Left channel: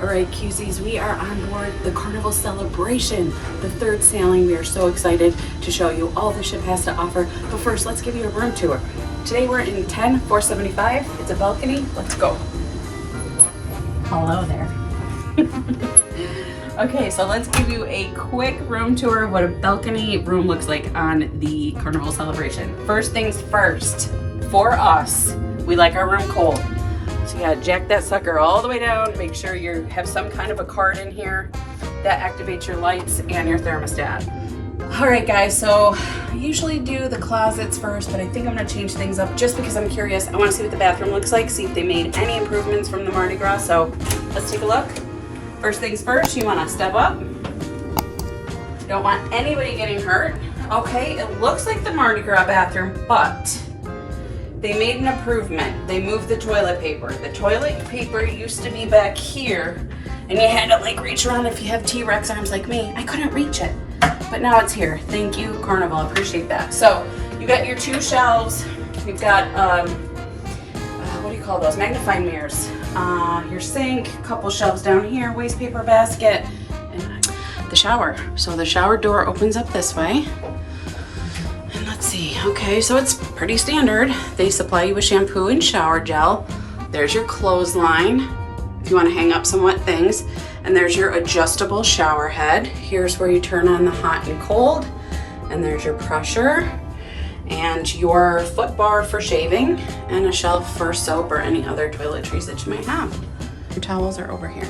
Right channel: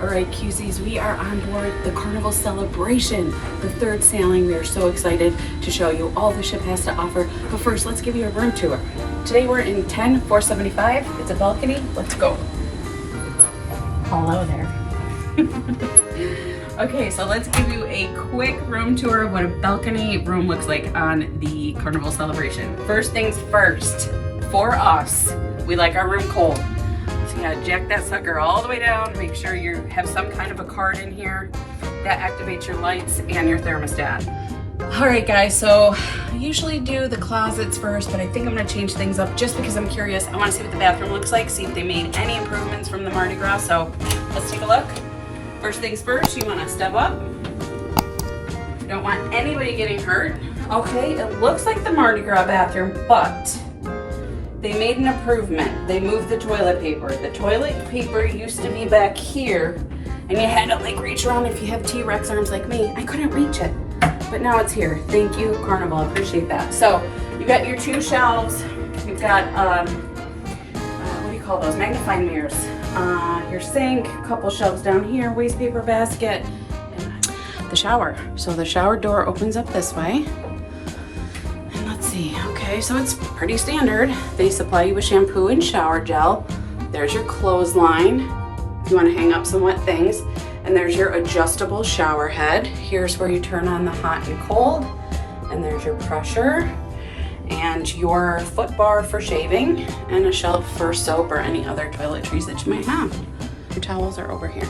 All right, QCs, we are on board the Carnival celebration, the third sailing. We are so excited to show you all the ship has to offer. But first, let's give you a room tour. Today we're in 10475. It's a balcony. Let's go. Hello there. Okay, so let's give you a quick room tour of what a balcony room looks like on the Carnival celebration. First things first, for us, we like our room cold. So you gotta jack that sucker all the way down, make sure you have some kind of a card in here that activates your lights and your thermostat. All right guys, so I usually do the closets first, but I think I'm gonna change things up just because I'm curious. I wanna see what the bathroom looks like, see if they made any improvements from the Mardi Gras, so let's take a look. First things first, you wanna step up. Don't want anybody getting hurt. Okay, it looks like the Mardi Gras bathroom, but they made an improvement. They moved the toilet paper. The toilet paper used to be back here, and you had to like reach around if you have T-Rex arms like me. I couldn't reach it, but now it's here. Thank you, Carnival, I appreciate that. So you've got your two shelves. You've got, what do you call those? Magnifying mirrors. Your sink, a couple shelves down here, waste paper basket, and the shower. So the shower door opens up this way. And let's see, okay, so it's pretty standard. They supply you with shampoo and shower gel. There's your clothesline if you want to hang up some wet things. And there's your adjustable shower head. Here's where you turn on the hot and cold. And there's your pressure. And your foot bar for shaving, and a shelf for soap or any other toiletries that you might have. Your towels are over here.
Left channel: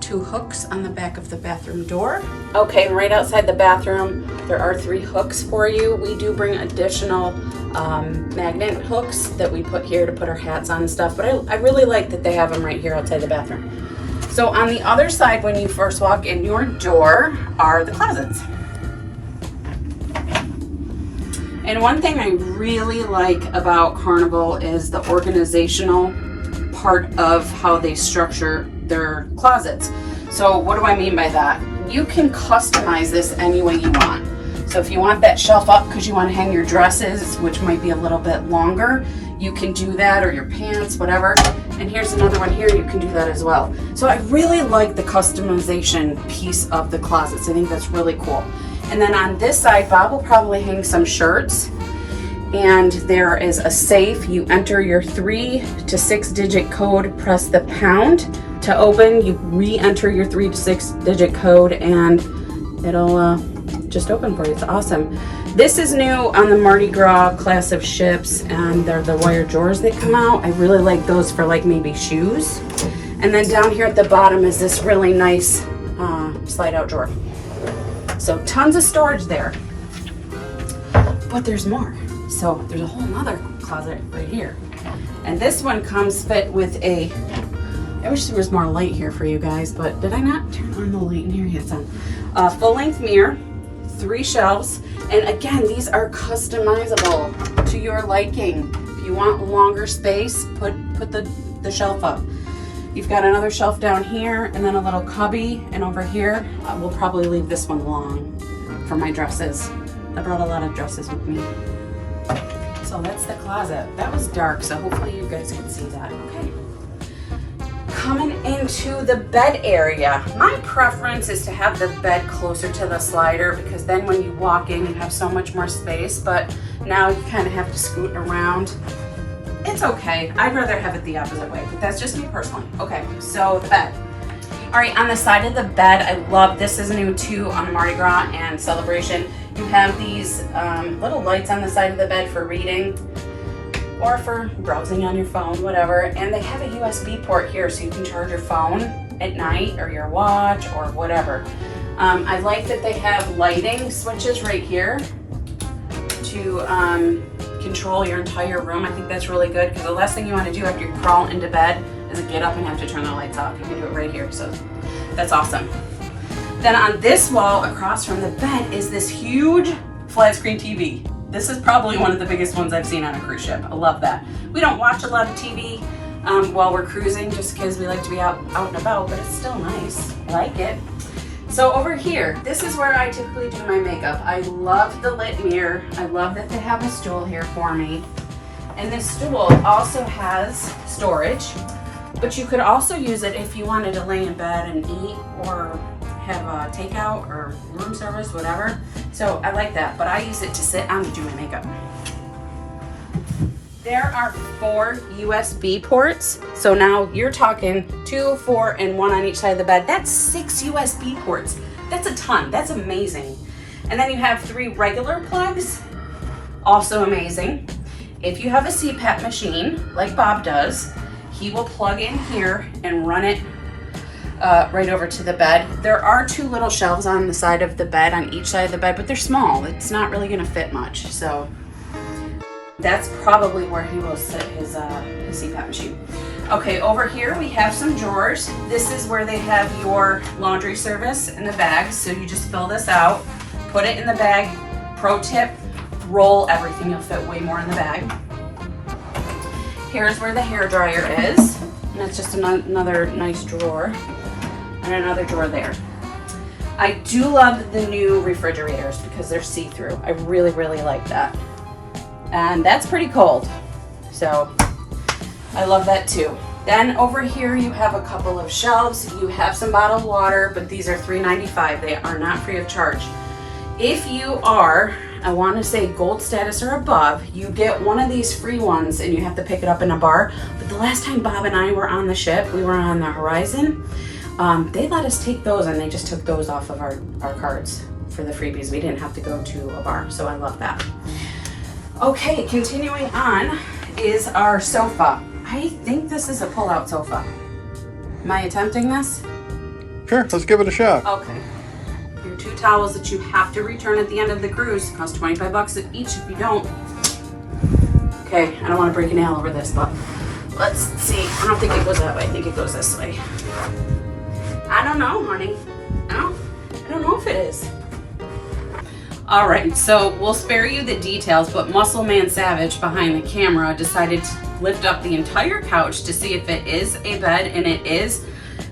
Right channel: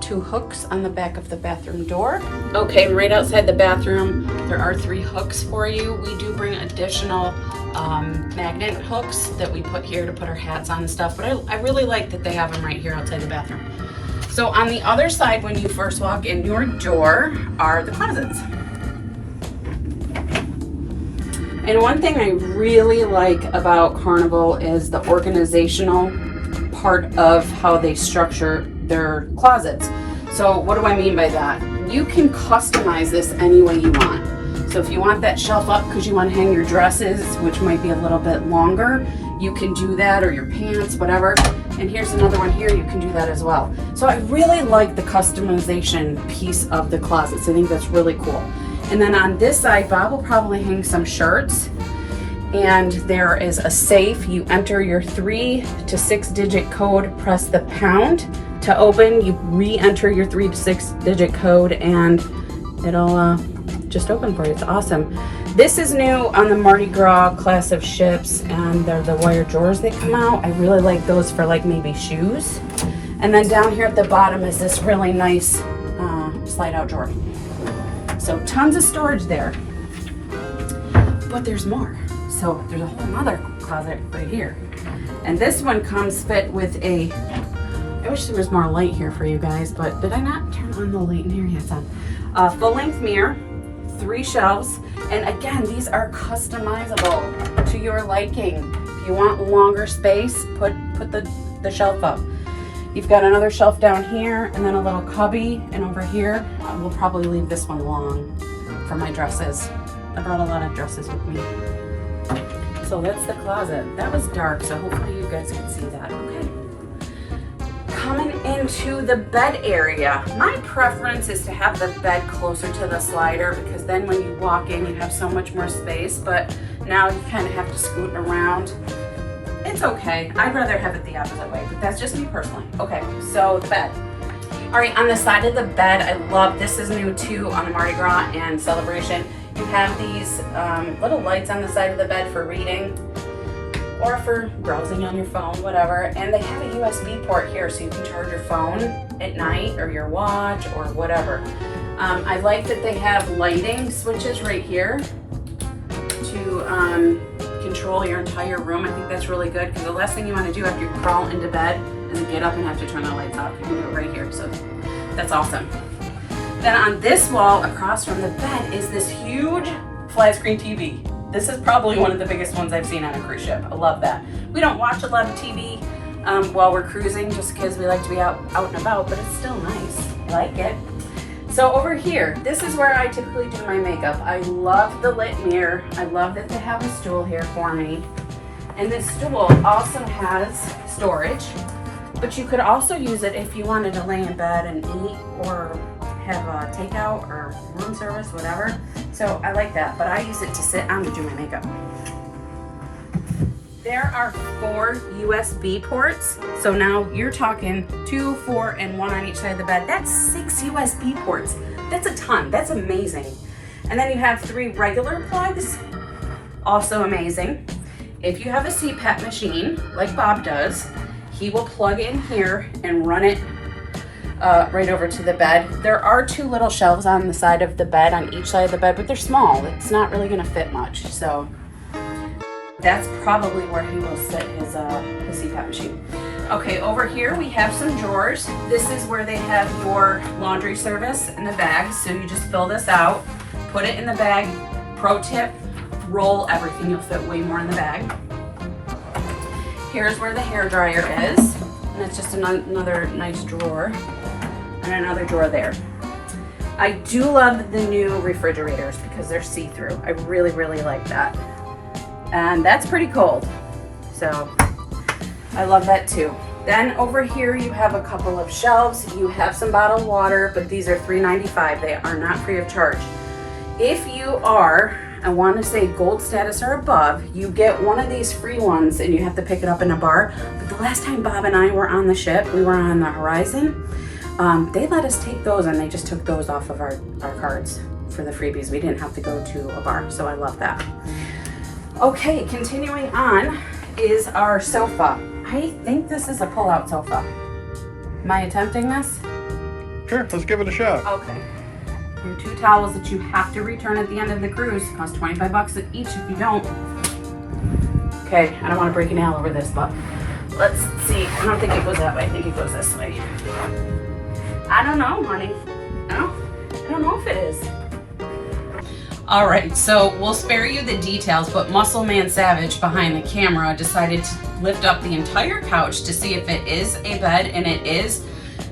Two hooks on the back of the bathroom door. Okay, right outside the bathroom, there are 3 hooks for you. We do bring additional magnet hooks that we put here to put our hats on and stuff, but I really like that they have them right here outside the bathroom. So on the other side, when you first walk in your door, are the closets. And one thing I really like about Carnival is the organizational part of how they structure their closets. So what do I mean by that? You can customize this any way you want. So if you want that shelf up because you want to hang your dresses, which might be a little bit longer, you can do that, or your pants, whatever. And here's another one here, you can do that as well. So I really like the customization piece of the closets. I think that's really cool. And then on this side, Bob will probably hang some shirts. And there is a safe. You enter your 3 to 6 digit code, press the pound to open. You re-enter your 3 to 6 digit code and it'll just open for you. It's awesome. This is new on the Mardi Gras class of ships, and they're the wire drawers that come out. I really like those for like maybe shoes. And then down here at the bottom is this really nice slide out drawer. So tons of storage there, but there's more. So there's a whole nother closet right here. And this one comes fit with a, I wish there was more light here for you guys, but did I not turn on the light in here? Yes, on. Full length mirror, 3 shelves. And again, these are customizable to your liking. If you want longer space, put the shelf up. You've got another shelf down here, and then a little cubby, and over here, we'll probably leave this one alone for my dresses. I brought a lot of dresses with me. So that's the closet. That was dark, so hopefully you guys can see that. Okay. Coming into the bed area. My preference is to have the bed closer to the slider, because then when you walk in, you have so much more space, but now you kind of have to scoot around. It's okay. I'd rather have it the opposite way, but that's just me personally. Okay, so the bed. All right, on the side of the bed, I love, this is new too on Mardi Gras and Celebration. You have these little lights on the side of the bed for reading or for browsing on your phone, whatever. And they have a USB port here so you can charge your phone at night or your watch or whatever. I like that they have lighting switches right here to control your entire room. I think that's really good, because the last thing you want to do after you crawl into bed is get up and have to turn the lights off. You can do it right here, so that's awesome. Then on this wall across from the bed is this huge flat screen TV. This is probably one of the biggest ones I've seen on a cruise ship. I love that. We don't watch a lot of TV while we're cruising, just because we like to be out and about, but it's still nice. I like it. So over here, this is where I typically do my makeup. I love the lit mirror. I love that they have a stool here for me. And this stool also has storage. But you could also use it if you wanted to lay in bed and eat or have a takeout or room service, whatever. So I like that, but I use it to sit on to do my makeup. There are 4 USB ports. So now you're talking 2, 4, and 1 on each side of the bed. That's 6 USB ports. That's a ton. That's amazing. And then you have 3 regular plugs. Also amazing. If you have a CPAP machine, like Bob does, he will plug in here and run it right over to the bed. There are 2 little shelves on the side of the bed, on each side of the bed, but they're small. It's not really gonna fit much. So that's probably where he will sit his CPAP machine. Okay, over here we have some drawers. This is where they have your laundry service and the bags. So you just fill this out, put it in the bag. Pro tip, roll everything. You'll fit way more in the bag. Here's where the hair dryer is. And it's just another nice drawer. And another drawer there. I do love the new refrigerators because they're see-through. I really, really like that. And that's pretty cold. So I love that too. Then over here you have a couple of shelves. You have some bottled water, but these are $3.95. They are not free of charge. If you are, I want to say gold status or above, you get one of these free ones and you have to pick it up in a bar. But the last time Bob and I were on the ship, we were on the Horizon, they let us take those and they just took those off of our cards for the freebies. We didn't have to go to a bar, so I love that. Okay, continuing on is our sofa. I think this is a pull-out sofa. Am I attempting this? Sure, let's give it a shot. Okay. Your 2 towels that you have to return at the end of the cruise cost $25 each if you don't. Okay, I don't want to break a nail over this, but let's see. I don't think it goes that way. I think it goes this way. I don't know, honey. No, I don't know if it is. All right, so we'll spare you the details, but Muscle Man Savage behind the camera decided to lift up the entire couch to see if it is a bed, and it is.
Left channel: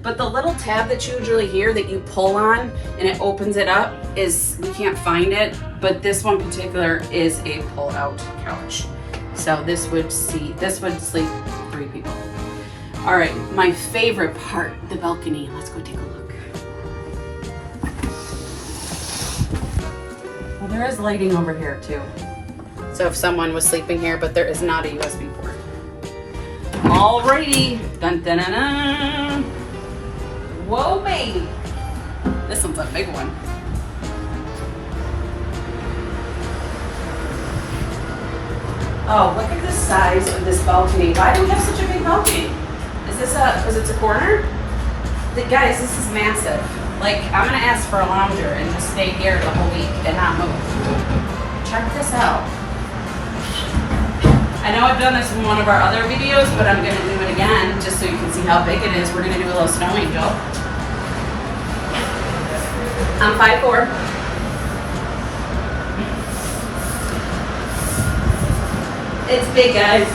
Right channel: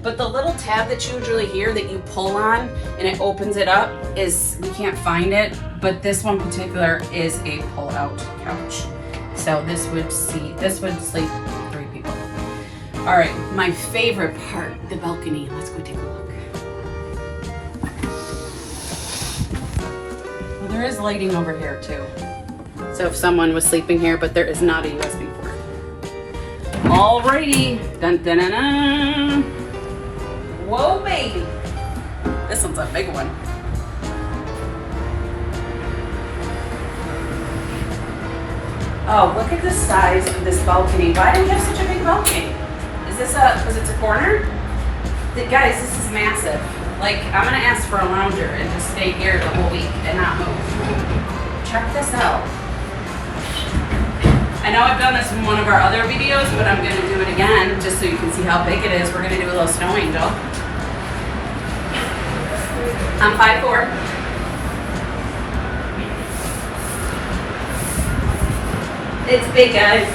But the little tab that you usually hear that you pull on and it opens it up is, we can't find it, but this one particular is a pull-out couch. So this would sleep 3 people. All right, my favorite part, the balcony. Let's go take a look. Well, there is lighting over here too. So if someone was sleeping here, but there is not a USB port. Alrighty, dun dun dun dun. Whoa, baby. This one's a big one. Oh, look at the size of this balcony. Why do you have such a big balcony? Is this because it's a corner? Guys, this is massive. Like, I'm gonna ask for a lounger and just stay here the whole week and not move. Check this out. I know I've done this in one of our other videos, but I'm gonna do it again just so you can see how big it is. We're gonna do a little snow angel. I'm 5'4". It's big, guys.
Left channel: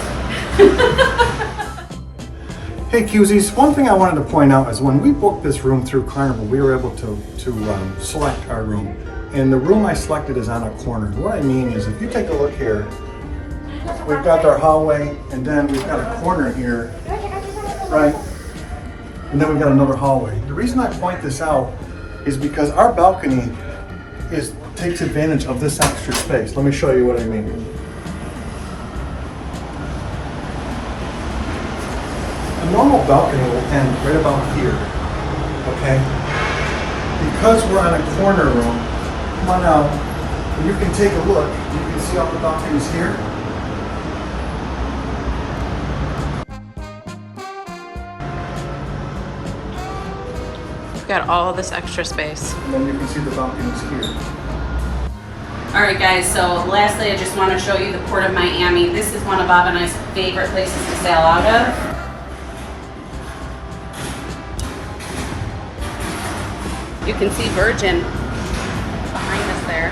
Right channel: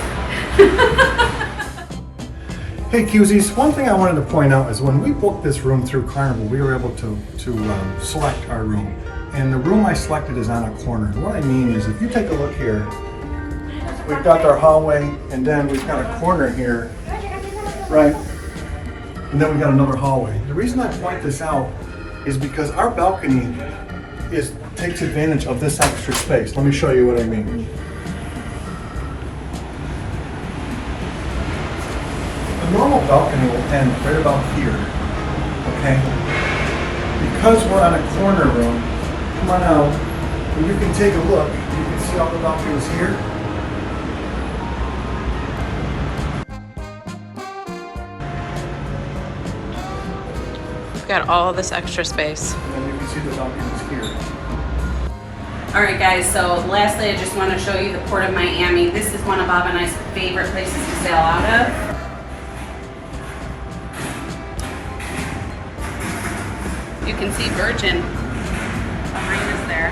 Hey Cusies, one thing I wanted to point out is when we booked this room through Carnival, we were able to select our room. And the room I selected is on a corner. What I mean is, if you take a look here, we've got our hallway, and then we've got a corner here, right? And then we've got another hallway. The reason I point this out is because our balcony takes advantage of this extra space. Let me show you what I mean. A normal balcony will end right about here, okay? Because we're on a corner room, come on out, and you can take a look. You can see all the balconies here. We've got all this extra space. And then you can see the balconies here. All right, guys, so lastly, I just want to show you the Port of Miami. This is one of Bob and I's favorite places to sail out of. You can see Virgin behind us there.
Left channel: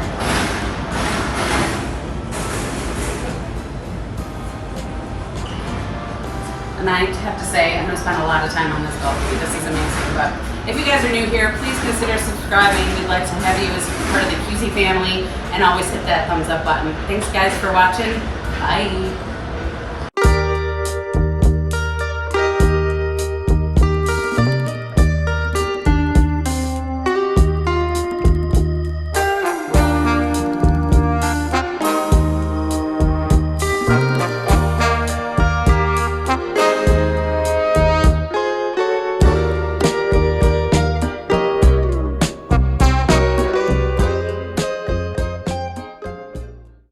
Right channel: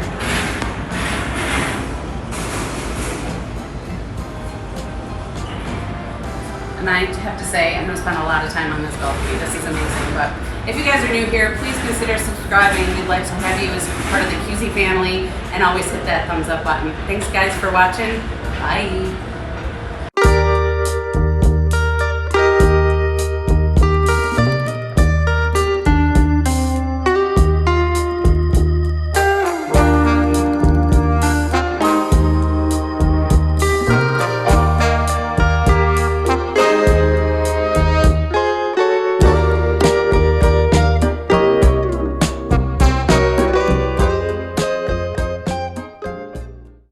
And I have to say, I'm gonna spend a lot of time on this balcony. This is amazing, but if you guys are new here, please consider subscribing. We'd like to have you as part of the QZ family, and always hit that thumbs up button. Thanks guys for watching. Bye.